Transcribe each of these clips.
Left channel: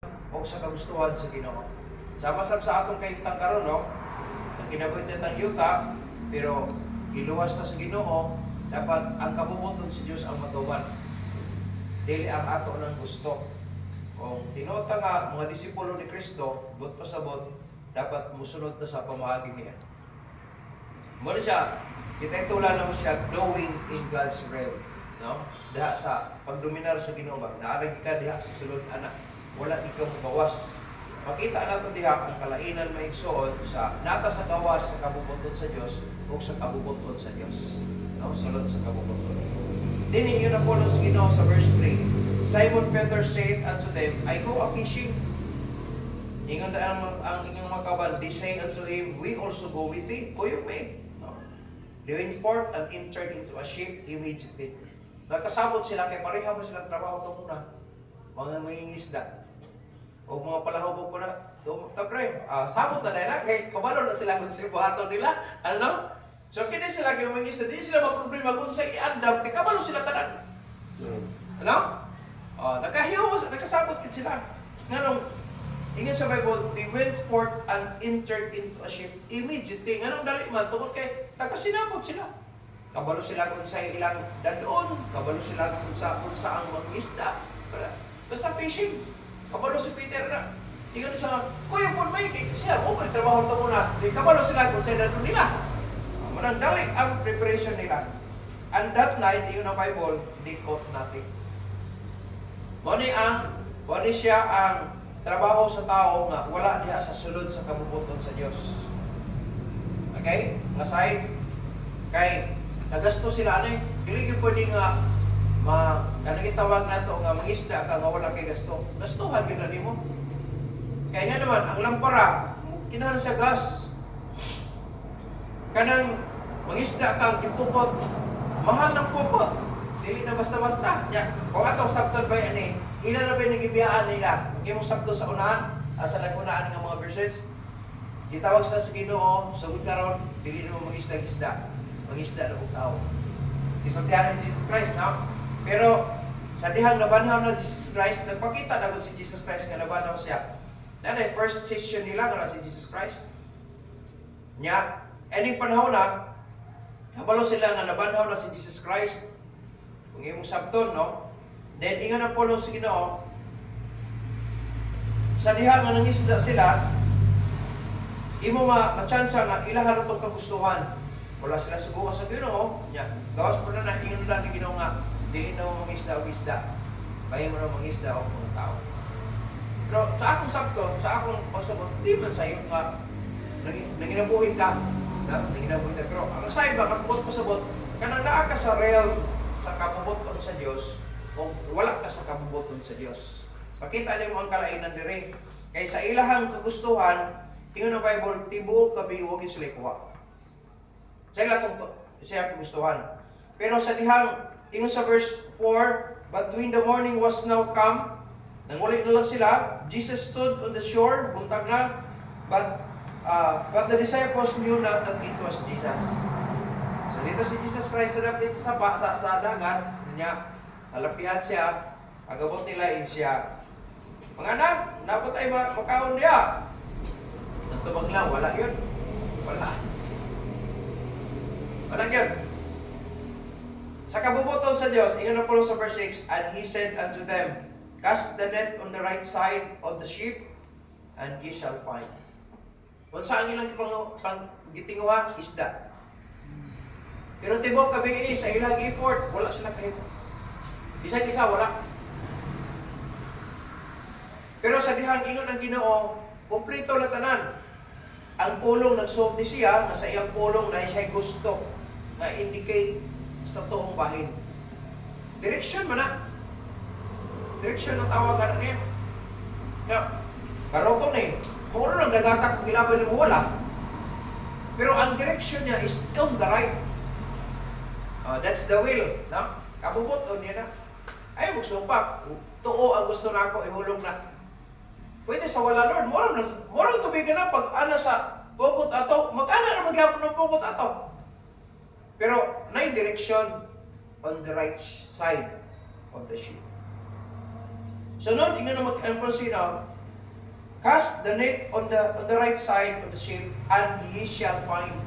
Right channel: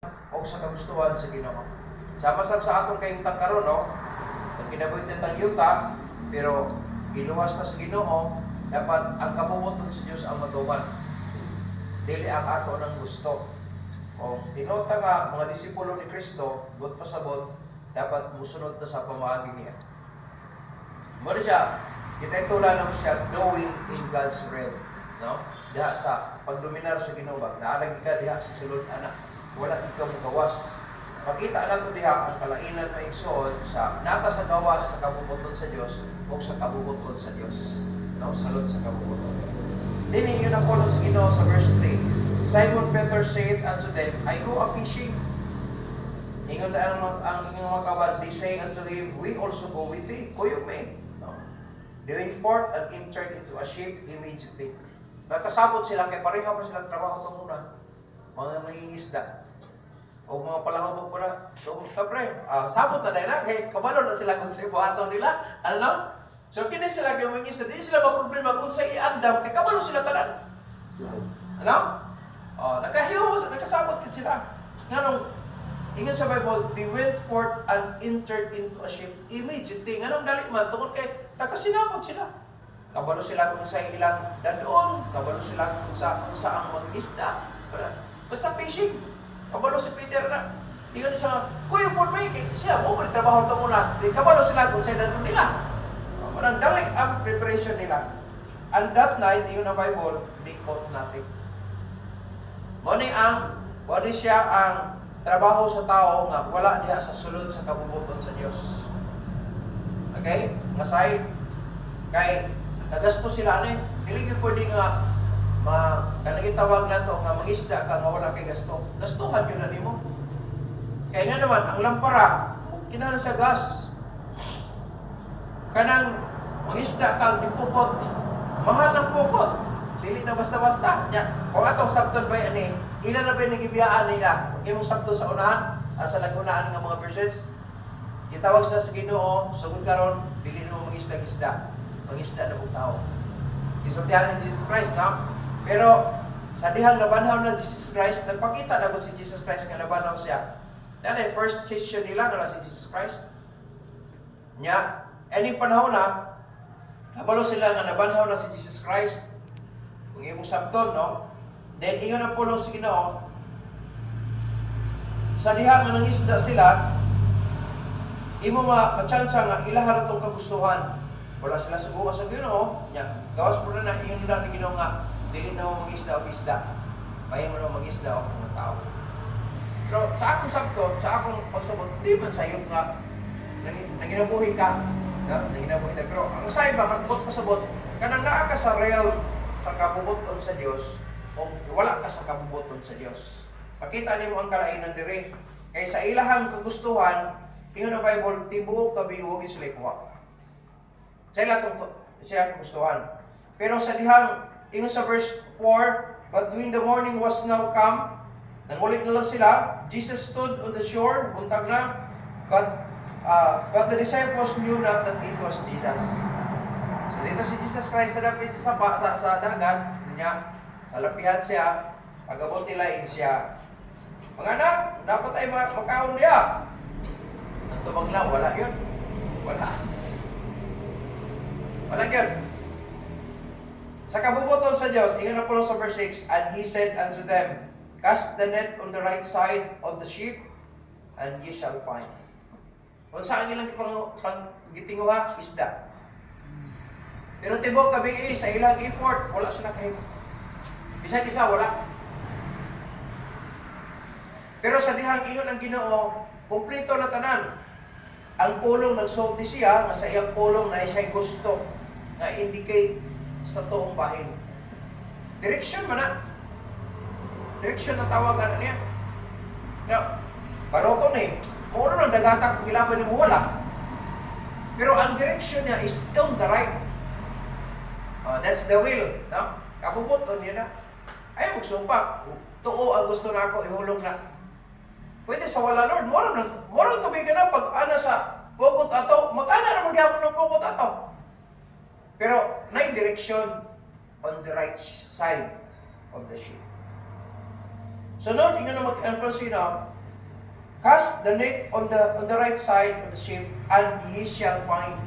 o sa kagustuhan sa Ginoo. Sama-sab sa atong kayutang karon, no? Ang kinabuhitan ng yuta, pero giluwas na sa Ginoo, dapat ang kabubuton sa Dios ang matuman. Dili ang ato ng gusto. Kung tinota nga mga disipulo ni Kristo, but pasabot, dapat musunod na sa pamaagi niya. Muna siya, kita tula lang siya knowing in God's realm, no? Diha sa pagdominar sa Ginoo ba, naarag ka diha sa sulod anak, wala ikaw gawas. Makita nato diha ang kalainan maigsoon sa nata sa gawas sa kabubuton sa Dios o sa kabubuton sa Dios, no? Sulod sa kabubuton. Dini yun ang pulong sa Ginoo sa verse 3. Simon Peter said unto them, I go a fishing. Ingon na ang inyong mga kawan, they say unto him, we also go with thee. Kuyog me. No? They went forth and entered into a ship immediately. Nagkasabot sila, kaya pareha pa silang trabaho ito muna. Mga mangingisda. O mga palahubog po na. So, kapre, sabot na dahil na, kaya kabalo na sila kung sa buhato nila. Ano? So, kini sila kaya mangingisda, di sila maproblema kung sa iandam, kaya kabalo sila tanan. Ano? Nakasabot kit sila. Nganong, ingon sa Bible, they went forth and entered into a ship immediately. Nganong dali man, tungkol kay, nakasinabot sila. Kabalo sila kung sa ilang dadoon, kabalo sila kung sa ang mag-isda. Basta fishing. Kabalo si Peter na. Ingon siya, kuya po may, siya, trabaho ito muna. Kabalo sila kung sa dadoon nila. Manang dali ang preparation nila. And that night, ingon ang Bible, they caught nothing. Muna siya ang trabaho sa tao nga wala diha sa sulod sa kabubuton sa Dios. Okay? Nga side kay nagasto sila ani, dili gyud pwede nga kanang itawag nato nga mangisda ka nga wala kay gasto. Gastuhan gyud na nimo. Kay nga naman ang lampara kinahanglan sa gas. Kanang mangisda ka gipukot, mahal ng pukot. Dili na basta-basta. Ya, kung atong sabton ba ani, ila na ba nagibiyaan nila? Imong sabton sa unahan, sa nagunaan nga mga verses, gitawag sila sa Ginoo, sugod karon, dili na mo mangisda-isda. Mangisda na kung tao. Isultihan ni Jesus Christ, na? Pero, sa dihang nabanhaw na Jesus Christ, nagpakita na kung si Jesus Christ nga nabanhaw siya. Dahil first session nila nga si Jesus Christ. Nya, any panahon na, nabalo sila nga nabanhaw na si Jesus Christ. Kung imong sabton, no? Then, ingon ang pulong sa Ginoo, sa diha nga nangisda sila, imo ma-chance nga ilahan itong kagustuhan. Wala sila subukan sa Ginoo, nya, gawas po na ingon na ni Ginoo nga, dili na mo mangisda o isda. Bayan mo na mangisda o mga tao. Pero sa akong sabton, sa akong pagsabot, di man sayo nga, nanginabuhi ka. Nanginabuhi ka. Pero ang sayo ba, magbuot pasabot, kanang naa ka sa realm sa kabubuton sa Dios o wala ka sa kabubuton sa Dios. Makita nimo ang kalainan diri. Kay sa ilahang kagustuhan, ingon ang Bible, tibuok kabiwog sila kuha. Sa ilang siya kagustuhan. Pero sa dihang, ingon sa verse 4, but when the morning was now come, nangulit na lang sila, Jesus stood on the shore, buntag na, but the disciples knew not that it was Jesus. So dito si Jesus Christ sa dapit sa dagat, niya, nalapihan siya, pagabot nila siya. Mga anak, dapat ay makaon niya. Nagtubag lang, wala yun. Wala. Wala yun. Sa kabubuton sa Diyos, ingon na po sa verse 6, and He said unto them, cast the net on the right side of the ship, and ye shall find. Kung saan ilang gitinguha, isda. Pero tibok kabi sa ilang effort, wala sila kayo. Bisag isa, wala. Pero sa dihang ingon ang Ginoo, kumplito na tanan. Ang pulong nagsulti siya, nga sa iyang pulong na siya gusto, nga indicate sa tuong bahin. Direction man na. Direction na tawagan niya. Nga, paroto na eh. Muro lang dagata kung gilaban mo, wala. Pero ang direction niya is on the right. That's the will. No? Kabubuton niya na. Ay, magsumpak. Tuo ang gusto na ako, ihulog na. Pwede sa wala, Lord. Morang tubigan na pag ana sa pugot ato. Mag-ana na maghapon ng pugot ato. Pero, na direction on the right side of the ship. Sunod, ingon na mag-proceed na, cast the net on the right side of the ship, and ye shall find.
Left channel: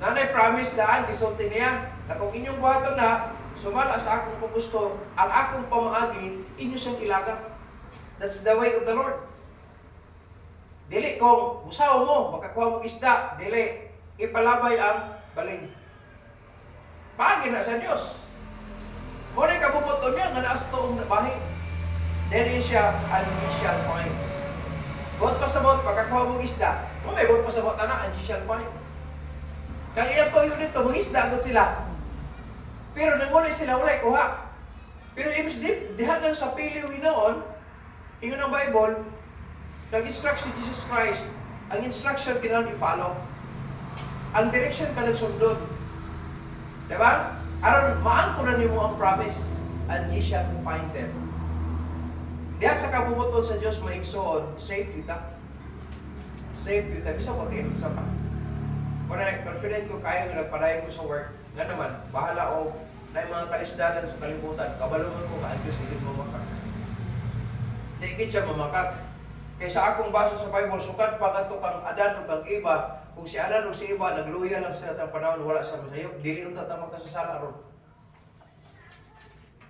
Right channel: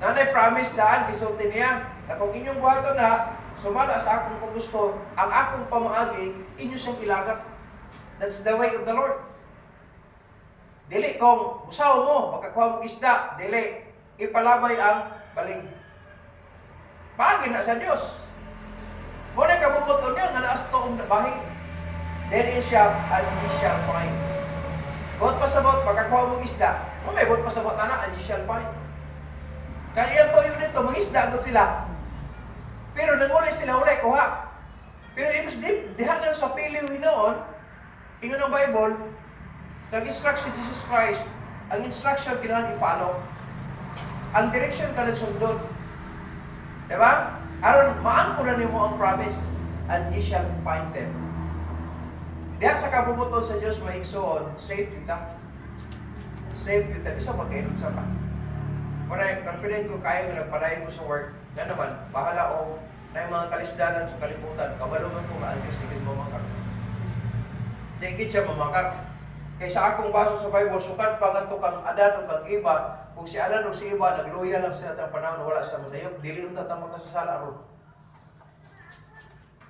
Nanay promise daan, gisulti niya, na kung inyong buhaton na, sumala sa akong gusto, ang akong pamaagi, inyo siyang ilagat. That's the way of the Lord. Dili kung usaw mo, makakuha mo isda, dili, ipalabay ang baling. Paagi na sa Diyos. Muna kabubuton niya, nga naas toong bahin. Then in siya, and ye shall find. Buot pasabot, pagkakuha mong isda, may buot pasabot na, and ye shall find. Kaya iyang toyo nito, mga isda agad sila. Pero nangulay sila ulay, kuha. Pero ibig dihanan sa piliw hinoon, ingon ang Bible, nag-instruct si Jesus Christ, ang instruction kailangan i-follow. Ang direction ka nagsundod. Diba? Aron, maangko na niyo mo ang promise, and ye shall find them. Diha sa kabubuton sa Diyos, maigsoon, safe kita. Safe kita. Bisa mag-edit sa pa. Kung confident ko kayo na nagpadayon ko sa work, nga naman, bahala o na yung mga kalisdanan sa kalibutan, kabalungan ko nga ang Diyos, hindi mamakak. Hindi siya mamakak. Kaysa akong basa sa Bible, sukat pa nga kang Adan o kang Eva, kung si Adan o si Eva, nagluya lang sila ng panahon, wala siya masayop, dili unta ta makasasala ron.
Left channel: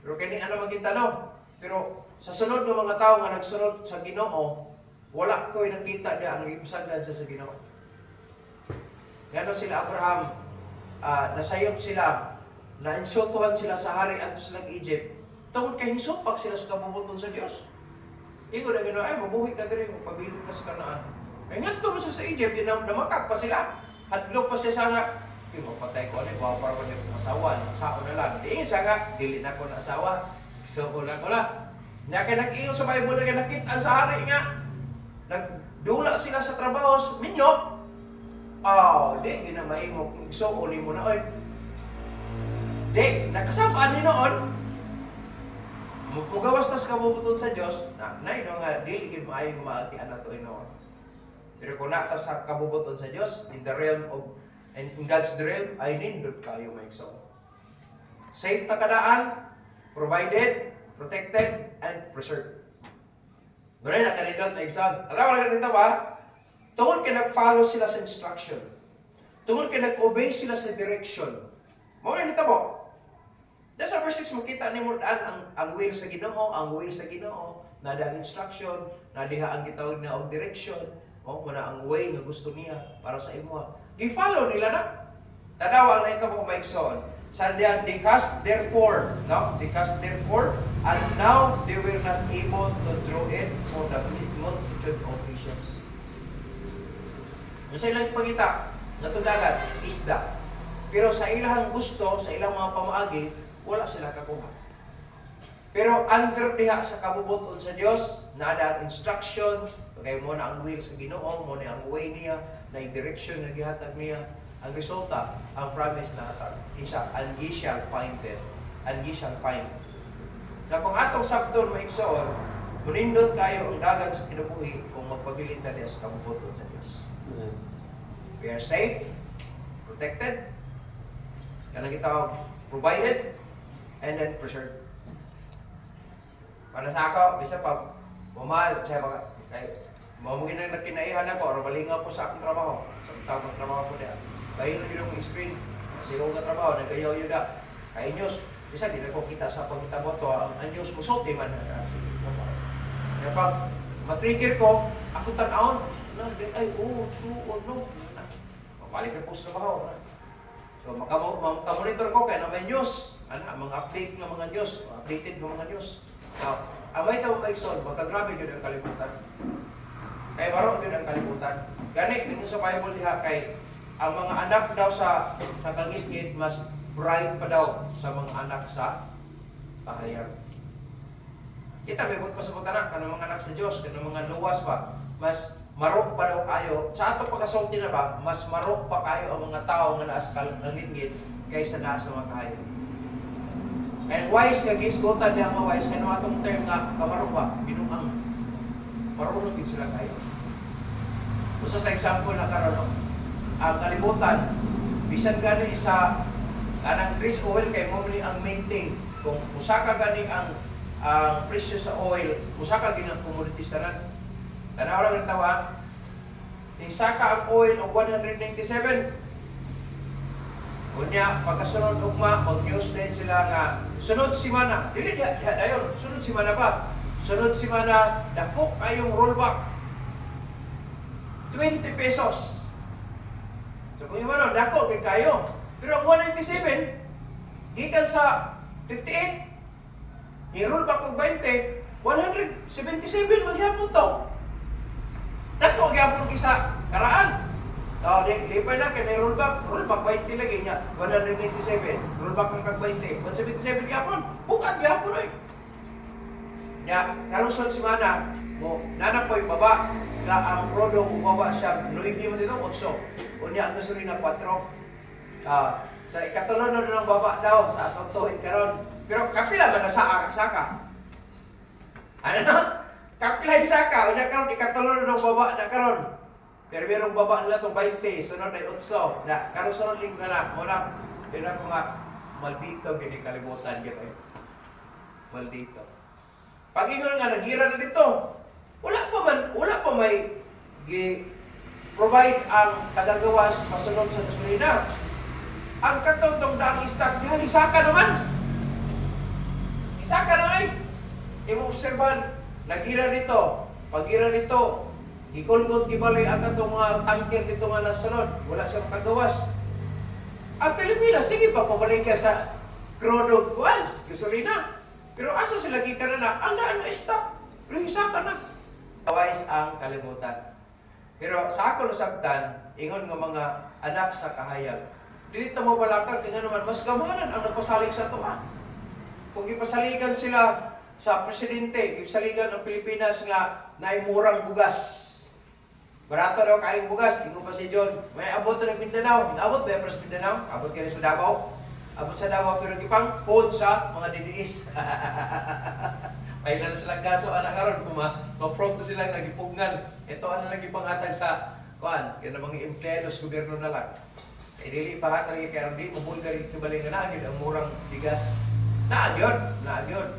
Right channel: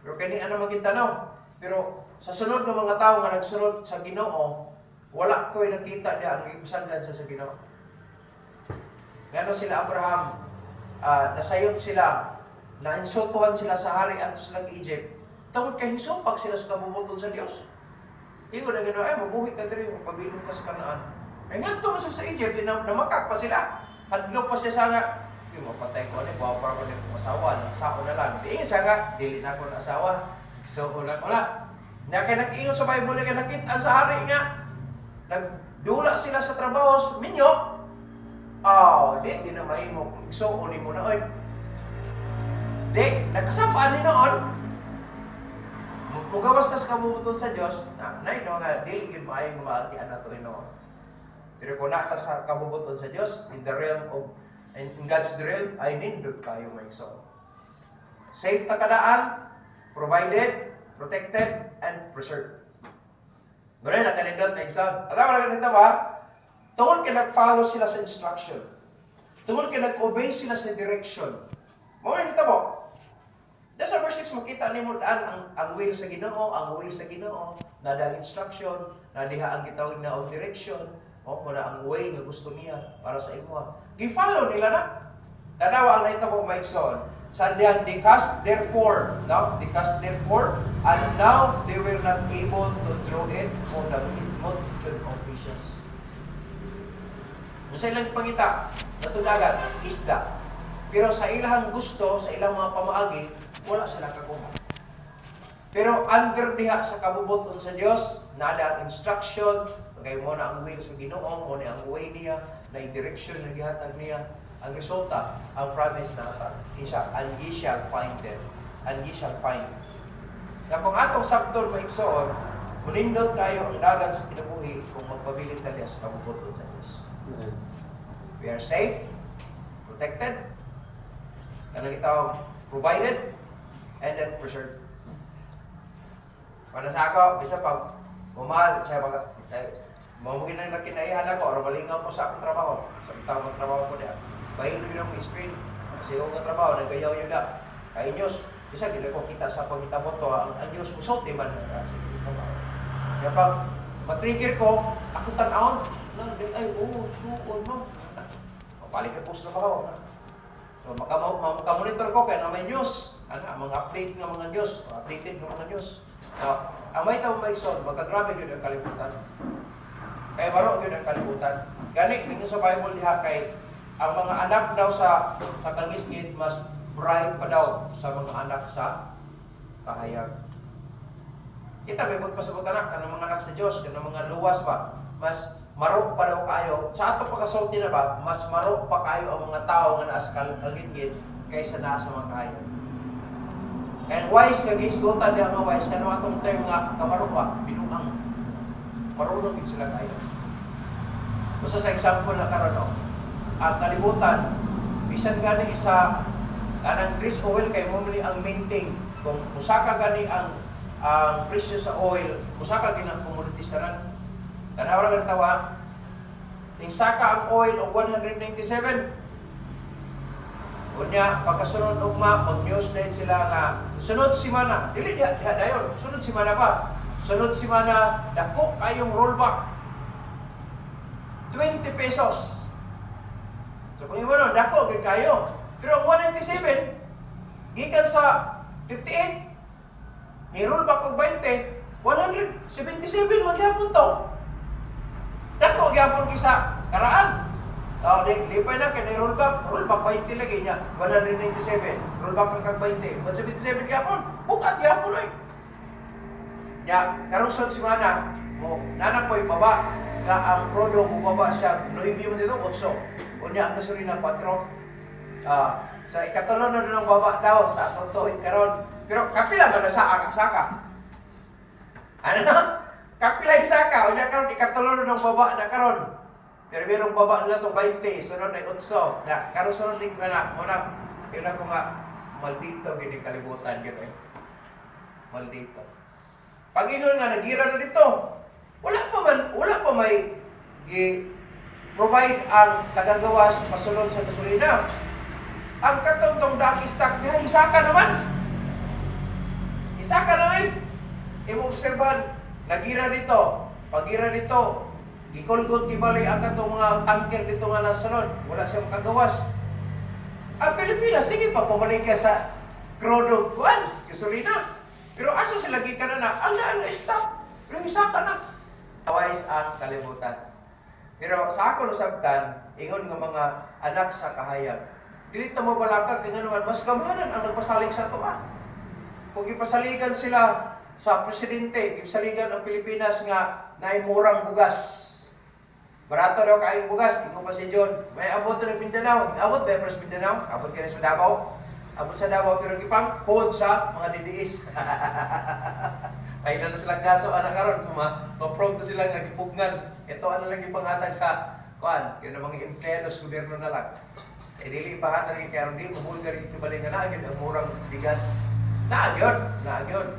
Pero kani ana maging tanaw. Pero sa sunod ng mga tao nga nagsunod sa Ginoo, wala ko'y nakita niya ang ipasagdan sa Ginoo. Ngano sila Abraham, nasayop sila, nainsultuhan sila sa hari at silang Egypt. Tungkol kay hisupag sila sa kabubuton sa Diyos. Ingo na gano'n, ay mabuhi ka din, magpabilog ka sa Kanaan. Ay nga ito sa Egypt, namakak pa sila. Hadlok pa siya sana, yung mapatay ko, bawa para ko ng asawa, nakasako na lang. Di siya nga, dili na ko na asawa, so ko na ko na. Nag-ingon sa Bible, nakitaan sa hari nga, nagdula sila sa trabaho, minyo. Di, ginamay mo, igsoon mo na, oy. Di, nakasapaan ni noon, mugawas na sa kabubuton sa Diyos, na nga, di, igin mo ay gumaatian na ito noon. Pero kung naka sa kabubuton sa Diyos, in the realm of, in God's realm, ay nindot kayo may igsoon. Safe na kadaan, provided, protected, and preserved. Ganun na kanindot na igsoon. Alam ko na ganito ba? Tungkol ka nag-follow sila sa instruction. Tungkol ka nag-obey sila sa direction. Mawala nito mo. Dahil sa verse 6, makita ni mo daan ang will sa Ginoo, ang way sa Ginoo, na ang instruction, na diha ang gitawag na ang direction, muna ang way nga gusto niya para sa imo. I-follow nila na. Tanawa ang naito mo maigsoon. Sandihan, they cast therefore, no? They cast therefore, and now they were not able to draw it for the multitude of fishes. Sa ilang pangita, natudagan, isda. Pero sa ilang gusto, sa ilang mga pamaagi, wala sila kakuha. Pero under diha sa kabubuton sa Diyos, nada ang instruction, kaya mo na ang will sa Ginoo, mo na ang way niya, na yung direction na gihatag niya, ang resulta, ang promise na natag. Isa, and ye shall find them. And ye shall find. Na kung atong sabton maigsoon, munindot kayo ang dagan sa kinabuhi kung magpabilin tayo sa kabubuton sa Diyos. We are safe, protected, kanang gitawag provided, and then preserved. Para sa ako, bisa pa, mamahal, siya mga, mamagin na kinaihan ako, or malingaw po sa akong trabaho, sa tamang trabaho ko diyan. Bayin nyo yung screen, sigaw ka trabaho, nagayaw yun na. Kaya Diyos, bisa, di na ko kita sa pagkitabot to, ang Diyos, musulti man na sa trabaho. Kaya pag matrigger ko, ako tanawon, ay, no. Balik na po sa trabaho. So, makamonitor ko kaya na may news. Mga update ng mga news. Updated ng mga news. So, ang may tawag maigsoon, magkagrabe yun ang kalibutan. Kaya maro yun ang kalibutan. Gani, tingin sa Bible diha kay ang mga anak daw sa kangit-ngit mas bright pa daw sa mga anak sa kahayag. Kita may buot pa sa mga anak, kanang mga anak sa Diyos, kanang mga luwas pa, mas marok pa daw kayo. Sa ato pagkasulti na ba, mas marok pa kayo ang mga tao nga naas kangit-ngit kaysa nasa mga kahayag. And wise nga gisgutan niya nga wise, kano atong term nga kamarok pa, binumang. Marunong din sila kayo. So sa example na karon, ang kalibutan, bisan gani sa kanang grease oil kay mo ang main thing. Kung usa ka gani ang ang presyo sa oil, musaka ginang commodities tanan. Tanaw ra tawa. Ning saka ang oil og 197. Unya pagkasunod ugma mag-news din sila nga sunod semana, dili diha dayon, sunod semana pa. Sunod semana dako kayong rollback. 20 pesos. So kung imo no, dako gid kayo. Pero ang 197 gikan sa 58 i-rollback og 20, 177 magyapon to. Dako gyapon kisa karaan. Di pa na kaya rollback 20 lagi niya, 197, rollback ang kag 20, 177 gyapon, bukat gyapon oy. Ya, karong sunod semana, mo nanapoy baba, nga ang prodo mo baba siya 9 mo dito 8. Unya ang gasolina 4. Sa ikatulo na ng baba daw sa atong tuig karon. Pero kapila man na saka. Ano? Kapila saka, unya karon ikatulo na ng baba na karon. Pero merong baba nila itong 20, sunod ay 8. Na, karong sunod linggo na, muna, yun ako nga, maldito, gini kalimutan gito eh. Maldito. Pag-ingon nga, nagira na dito, wala pa may provide ang tagagawas pasunod sa gasolina. Ang katong daang stock niya, isaka naman. Isaka naman. Imo-obserban, nagira dito, pag-gira dito, gikulgot gibali ang katong mga tanker dito nga nasunod, wala siyang kagawas. Ang Pilipinas, sige pa pumalik ka sa crude oil, gasolina. Pero asa sila gikan na ang stock, pero isaka na. Tawais ang kalimutan. Pero sa ako nasabtan, ingon nga mga anak sa kahayag, dili ta mo balakag kanya naman mas gamanan ang nagpasalig sa tuwa. Kung ipasaligan sila sa presidente, ipasaligan ang Pilipinas nga naay murang bugas. Barato daw kaing bugas, ingo pa si John. May abot na Mindanao. Abot ba sa Mindanao? Abot ka sa Davao. Abot sa Davao pero gipang hold sa mga DDS. Ay na silang gaso anak karon ma-prompt sila nga gipugnan. Ito ana lang ipanghatag sa kuan, kaya mga empleados gobyerno na lang. Dili pa hatag kay di mo bulgar ibalik nga naagid ang murang bigas. Naagid.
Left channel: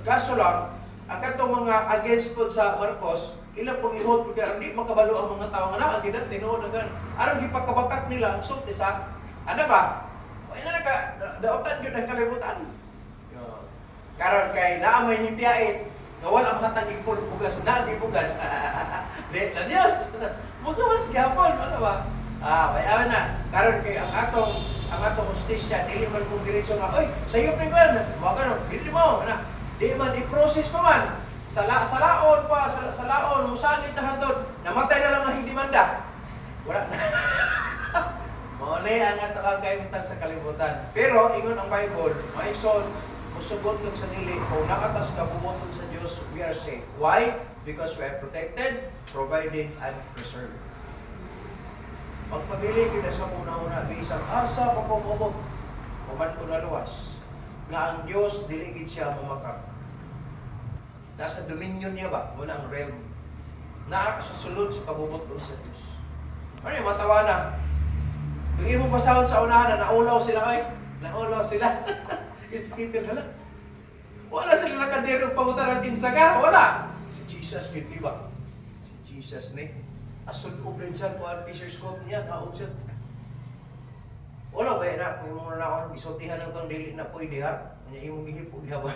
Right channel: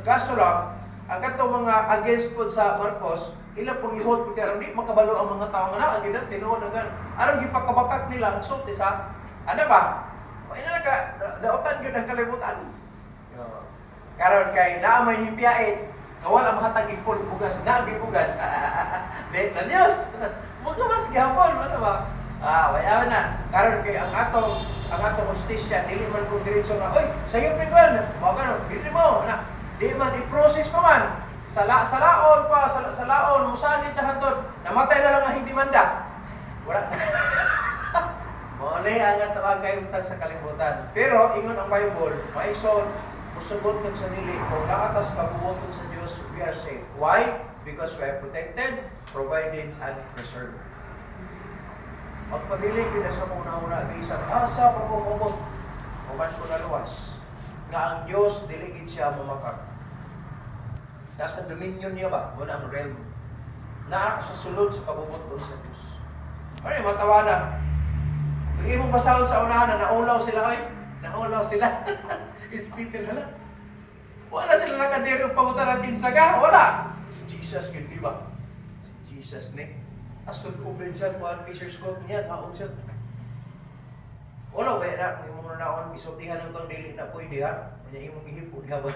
Kaso lang ang katong mga against pod sa Marcos, ilang pong i-hold karon di makabalo ang mga tao nga naagid ang tinuod nga aron gipakabakak nila ang sulti sa ano ba? Ay na daotan gyud ang kalibutan. Karon kay naa may himpiait nga wala mahatag ipon bugas, naagi bugas. Di na Dios. Muga mas gyapon ano ba? Wala na. Karon kay ang atong hostisya dili man kung diretso nga, oy, sayo pa man. Mo karon, dili mo na. Di man i-process pa man. Sa laon, musanit na hantod. Namatay na lang ang hindi manda. Wala. Maunay ang atawag kayo sa kalibutan. Pero ingon ang Bible, maigsoon, musugot kag sa dili kung nakatas ka bumoton sa Dios, we are safe. Why? Because we are protected, provided, and preserved. Magpabili kita sa una-una, bisang asa pagpumubot, kuman ko na luwas, nga ang Diyos, diligid siya mamakak. Nasa dominion niya ba? Wala ang realm. Naa ka sa sulod sa kabubuton sa Diyos. Ano yung matawanan? Yung imong basahon sa unahan na naulaw sila kayo, naulaw sila. Ispitin na lang. Wala sila nakadiro pangutaran din sa ka. Wala. Si Jesus, yun, di ba? Si Jesus ni. Asod ko rin siya, kuhan Fisher's Court niya, kaog siya. Wala ba na, kung imong nanaon, isotihan lang itong dili na pwede ha. Kanya imong gihipog ha ba?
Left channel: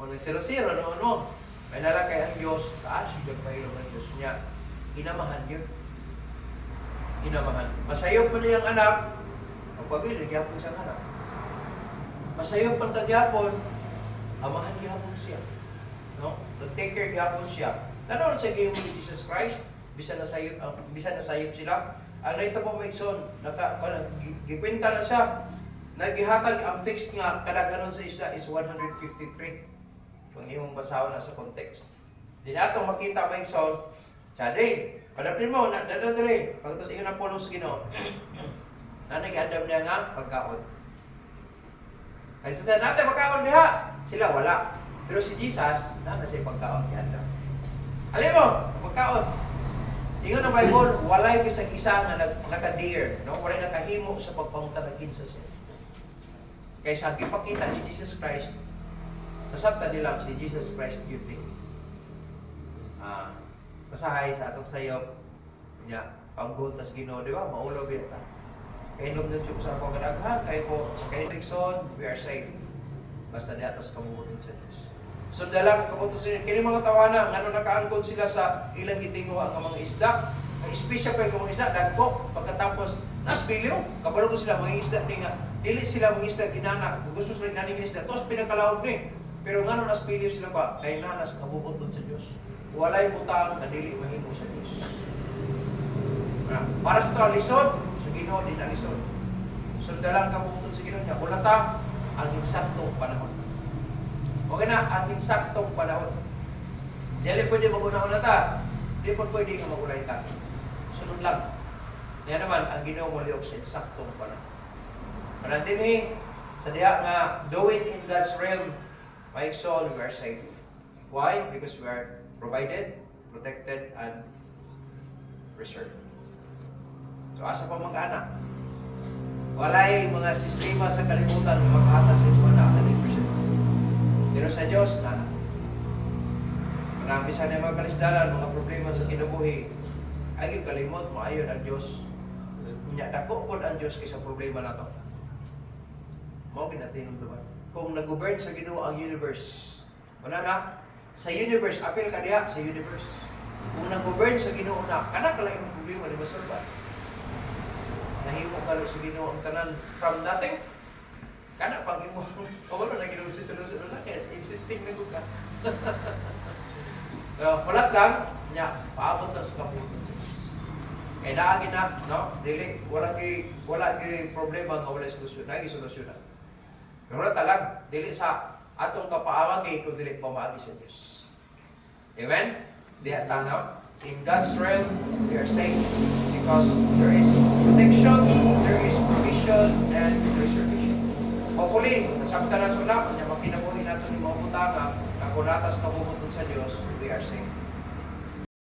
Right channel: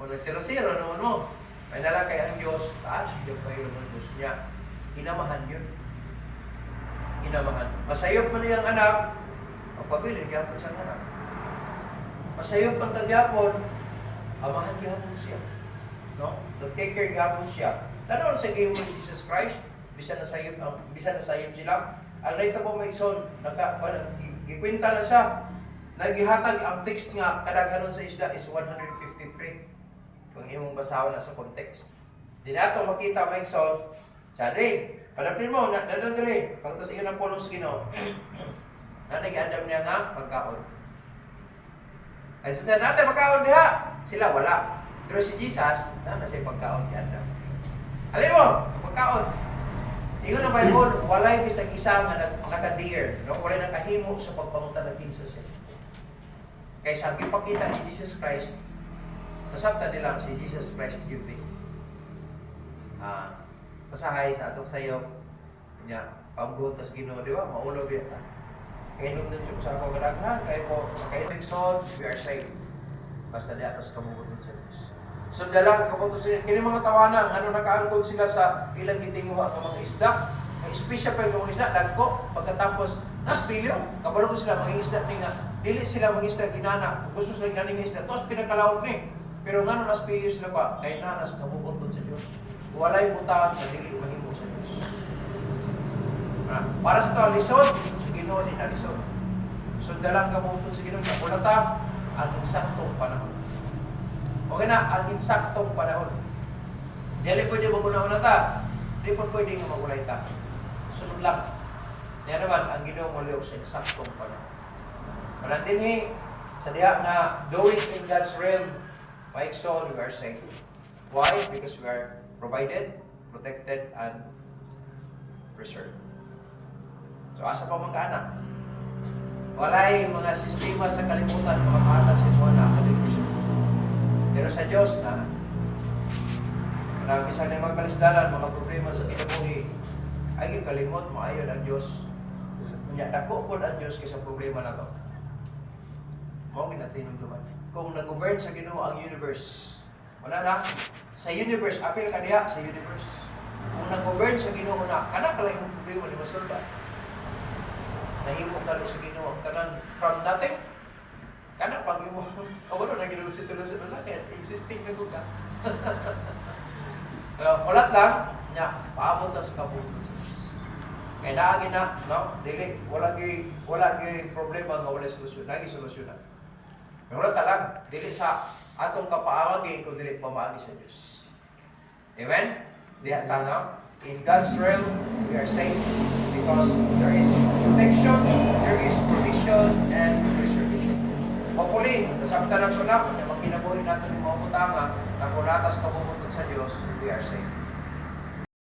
Wala zero-zero naman mo. May nalang kay ang Diyos, si Diyo kayo naman Diyos niya. Inamahan yun. Inamahan. Masayop man niyang anak, pagpabili, gyapon siyang anak. Masayop man tagyapon, amahan gyapon siya. No? Nag-take care gyapon siya. Tanaw sa game ni Jesus Christ, bisan na sayop sila. Ang naita po may son, gikwenta na siya. Nagihatag ang fixed nga kadaghanon sa isda is 153. Kung imong basahan na sa context. Di na itong makita may son, Chadre, padapin mo, dadadre, pagkita sa iyo na polos Ginoo. Na nag-adam niya nga pagkaon. Ay sa natin pagkaon diha, sila wala. Pero si Jesus, na siya pagkaon ni Adam. Alam mo, pagkaon. Ingon ang Bible, walay bisag isa nga naka-dare, no? Walay nakahimo sa pagpangutan ng kinsa siya. Kaya sabi pakita ni Jesus Christ, Nasabta nila si Jesus Christ yun ni. Masahay sa atong sayop niya, pagbutas Ginoo, di ba? Maulo biya ta. Kaya nung nung sa ako kadaghan, kaya Nixon, we are saved. Basta di atas kamubuton sa Diyos. Sundalan, kamubuton sa Diyos. Kini mga tawanan, ano nakaangkod sila sa ilang itinguha ng mga isda. Ay espesyal pa yung mga isda, dagko. Pagkatapos, naspilyo, kabalo ko sila mga isda ni nga. Dili sila mga isda ginana. Kung gusto sila ganing isda, tos pinakalaog ni. Pero nga nung naspilyo sila pa, kay nanas kamubuton sa Diyos. Walay butang na dili mahimo sa Diyos. Para sa ito, lisod, sa Ginoo din na lisod. Sundalang kamubuton sa Ginoo, sa kulatang, ang insaktong panahon. Okay na, ang insaktong panahon. Dili pwede magunahon na ta. Di po pwede nga magulay ta. Sunod lang. Yan naman, ang Ginoo mo liog sa insaktong panahon. Manantinhi, sa diha nga, doing in God's realm, my soul, we are saved. Why? Because we are provided, protected, and preserved. So, asa pa mag-anak? Walay mga sistema sa kalimutan na mag-aatag sa mga na-100%. Pero sa Diyos, na. Marami sa na mga kalisdanan, mga problema sa kinabuhi, ay yung kalimot, maayon ang Diyos. Kunya, dako po ang Diyos kaysa problema na to. Mao ginatinumduman. Kung nag-govern sa Ginoo ang universe, wala na, sa universe, apil ka diha sa universe. Kung nag-govern sa Ginoo na, kana ka lang yung problema, di ba solba? Nahimo ka lang sa Ginoo ang tanan from nothing. Kana pag imo, wala na Ginoo si solusyon na lang, existing na gud ka. Ulat lang, nya, paabot lang sa kabuton. Kaya naagi na, no? Dili, wala gi problema nga wala solusyon, naagi solusyonan. Pero wala talag, dili sa atong kapaawagi kung dili pamaagi sa Diyos. Amen? Diha tanaw. In God's realm, we are safe because there is protection, there is provision, and preservation. Hopefully, nasabta na ito na, kaya makinabuhin natin yung mga butanga, na kung natas kabubuton sa Diyos, we are safe.